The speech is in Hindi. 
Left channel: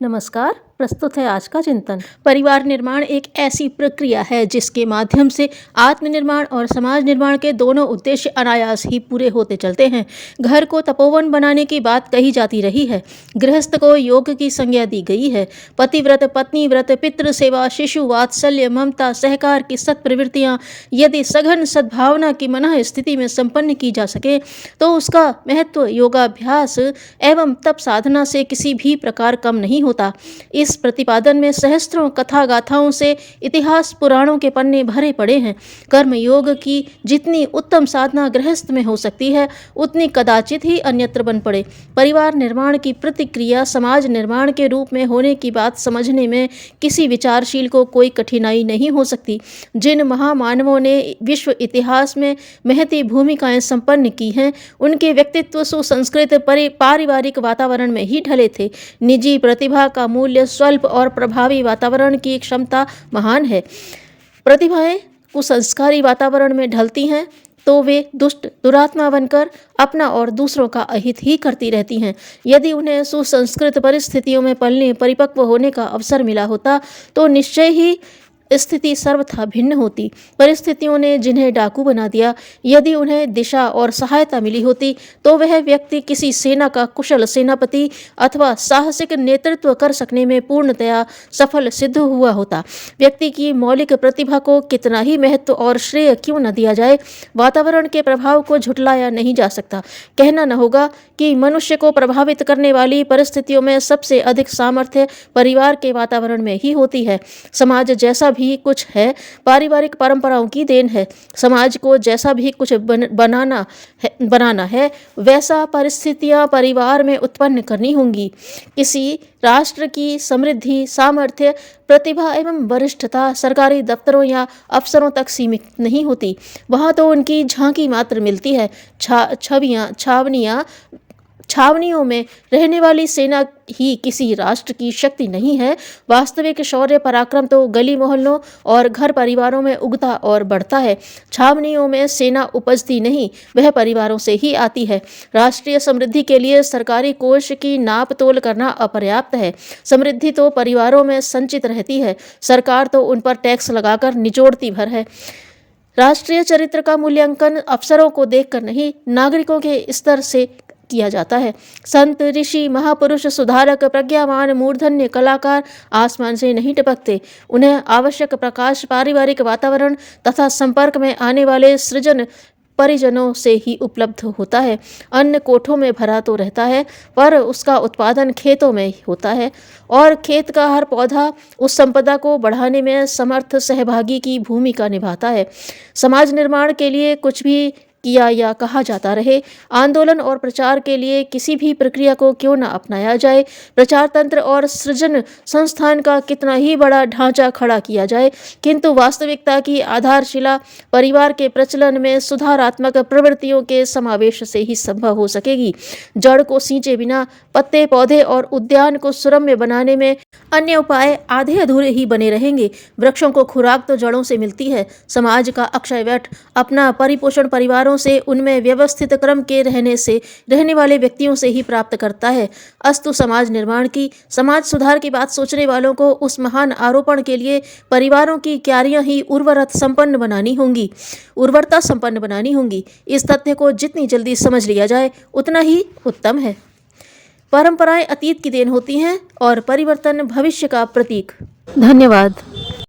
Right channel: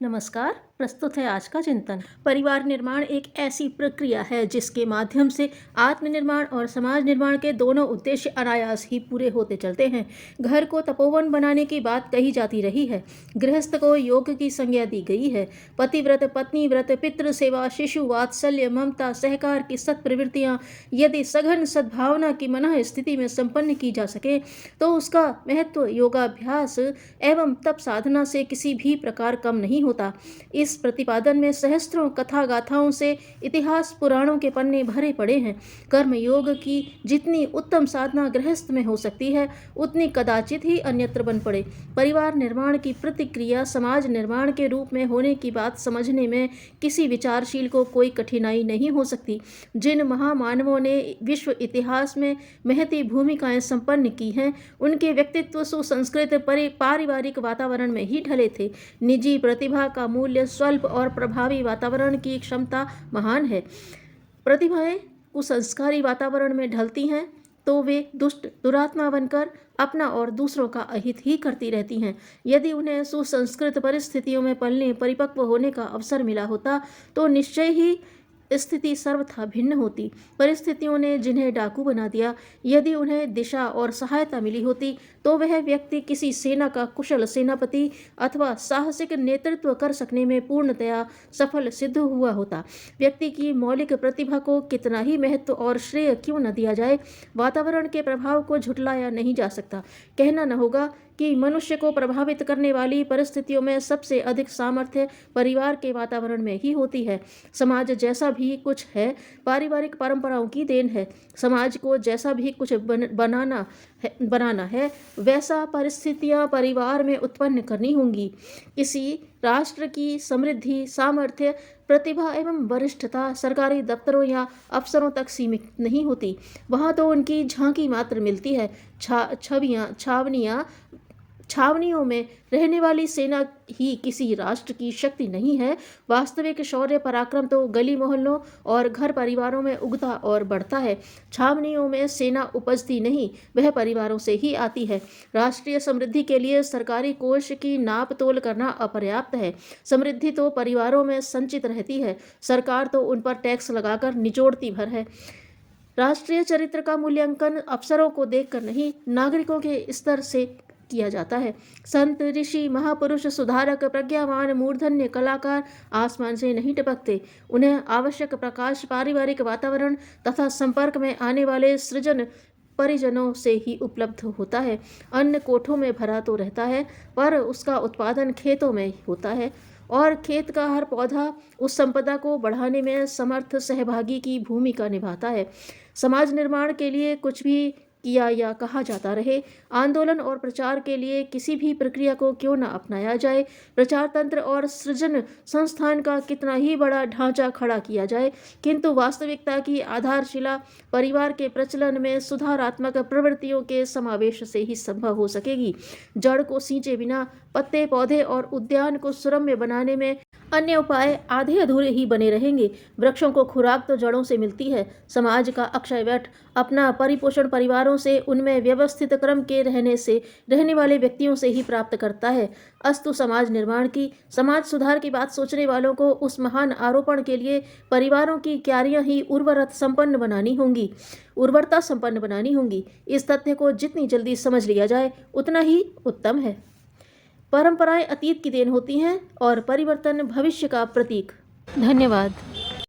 नमस्कार। प्रस्तुत है आज का चिंतन। परिवार निर्माण एक ऐसी प्रक्रिया है जिसके माध्यम से आत्मनिर्माण और समाज निर्माण के दोनों उद्देश्य अनायास ही पूरे होते चलते हैं। घर को तपोवन बनाने की बात कही जाती रही है। गृहस्थ को योग की संज्ञा दी गई है। पतिव्रत, पत्नी व्रत, पितृ सेवा, शिशु वात्सल्य, ममता, सहकार की सत प्रवृत्तियां यदि सघन सद्भावना की मनः स्थिति में संपन्न की जा सके तो उसका महत्व योगाभ्यास एवं तप साधना से किसी भी प्रकार कम नहीं होता। इस प्रतिपादन में सहस्त्रों कथा गाथाओं से इतिहास पुराणों के पन्ने भरे पड़े हैं। कर्म योग की जितनी उत्तम साधना गृहस्थ में हो सकती है उतनी कदाचित ही अन्यत्र बन पड़े। परिवार निर्माण की प्रतिक्रिया समाज निर्माण के रूप में होने की बात समझने में किसी विचारशील को कोई कठिनाई नहीं हो सकती। जिन महामानवों ने विश्व इतिहास में महती भूमिकाएं संपन्न की हैं उनके व्यक्तित्व सुसंस्कृत पारिवारिक वातावरण में ही ढले थे। निजी प्रतिभा का मूल्य स्वल्प और प्रभावी वातावरण की क्षमता महान है। प्रतिभाएं कुसंस्कारी वातावरण में ढलती हैं तो वे दुष्ट दुरात्मा बनकर अपना और दूसरों का अहित ही करती रहती हैं। यदि उन्हें सुसंस्कृत परिस्थितियों में पलने परिपक्व होने का अवसर मिला होता तो निश्चय ही स्थिति सर्वथा भिन्न होती। परिस्थितियों ने जिन्हें डाकू बना दिया, यदि उन्हें दिशा और सहायता मिली होती तो वह व्यक्ति किसी सेना का कुशल सेनापति अथवा साहसिक नेतृत्व कर सकने में पूर्णतया सफल सिद्ध हुआ होता। व्यक्ति की मौलिक प्रतिभा को कितना ही महत्व और श्रेय क्यों न दिया जाए, वातावरण के प्रभाव को झुटलाया नहीं जा सकता। कहना न होगा कि मनुष्य को प्रभावित करने वाली परिस्थितियों में सबसे अधिक सामर्थ्य परिवार के वातावरण में ही होती है। समाज जैसा भी कुछ है पारिवारिक परंपराओं की देन है। समाज को जैसा भी कुछ बनाना है वैसा परिस्थितियां परिवार में उत्पन्न करनी होंगी। किसी राष्ट्र की समृद्धि, सामर्थ्य, प्रतिभा एवं वरिष्ठता सरकारी दफ्तरों या अफसरों तक सीमित नहीं होती। वहां तो उनकी झांकी मात्र मिलती है। छावनियों में रहने वाली सेना ही किसी राष्ट्र की शक्ति नहीं है। वास्तविक शौर्य पराक्रम तो गली मोहल्लों और घर परिवारों में उगता और बढ़ता है। छावनियों में सेना उपजती नहीं, वह परिवारों से ही आती है। राष्ट्रीय समृद्धि के लिए सरकारी कोष की नाप तोल करना अपर्याप्त है। समृद्धि तो परिवारों में संचित रहती है। सरकार तो उन पर टैक्स लगाकर निचोड़ती भर है। राष्ट्रीय चरित्र का मूल्यांकन अफसरों को देखकर नहीं, नागरिकों के स्तर से किया जाता है। संत, ऋषि, महापुरुष, सुधारक, प्रज्ञावान, मूर्धन्य कलाकार आसमान से नहीं टपकते। उन्हें आवश्यक प्रकाश पारिवारिक वातावरण तथा संपर्क में आने वाले सृजन परिजनों से ही उपलब्ध होता है। अन्न कोठों में भरा तो रहता है पर उसका उत्पादन खेतों में होता है और खेत का हर पौधा उस संपदा को बढ़ाने में समर्थ सहभागी की भूमिका निभाता है। समाज निर्माण के लिए कुछ भी किया या कहा जाता रहे, आंदोलन और प्रचार के लिए किसी भी प्रक्रिया को क्यों न अपनाया जाए, प्रचार तंत्र और सृजन संस्थान का कितना ही बड़ा ढांचा खड़ा किया जाए, किंतु वास्तविकता की आधारशिला परिवार के प्रचलन में सुधारात्मक प्रवृत्तियों के समावेश से ही संभव हो सकेगी। जड़ को सींचे बिना पत्ते, पौधे और उद्यान को सुरम्य बनाने में अन्य उपाय आधे अधूरे ही बने रहेंगे। वृक्षों को खुराक तो जड़ों से मिलती है। समाज का अक्षय वट अपना परिपोषण परिवारों से, उनमें व्यवस्थित क्रम के रहने वाले व्यक्तियों से ही प्राप्त करता है। अस्तु समाज निर्माण की, समाज सुधार की बात सोचने वालों को उस महान आरोपण के लिए परिवारों की क्यारियां ही उर्वरता संपन्न बनानी होंगी। इस तथ्य को जितनी जल्दी समझ लिया जाए उतना ही उत्तम है। परंपराएं अतीत की देन होती हैं और परिवर्तन भविष्य का प्रतीक। धन्यवाद।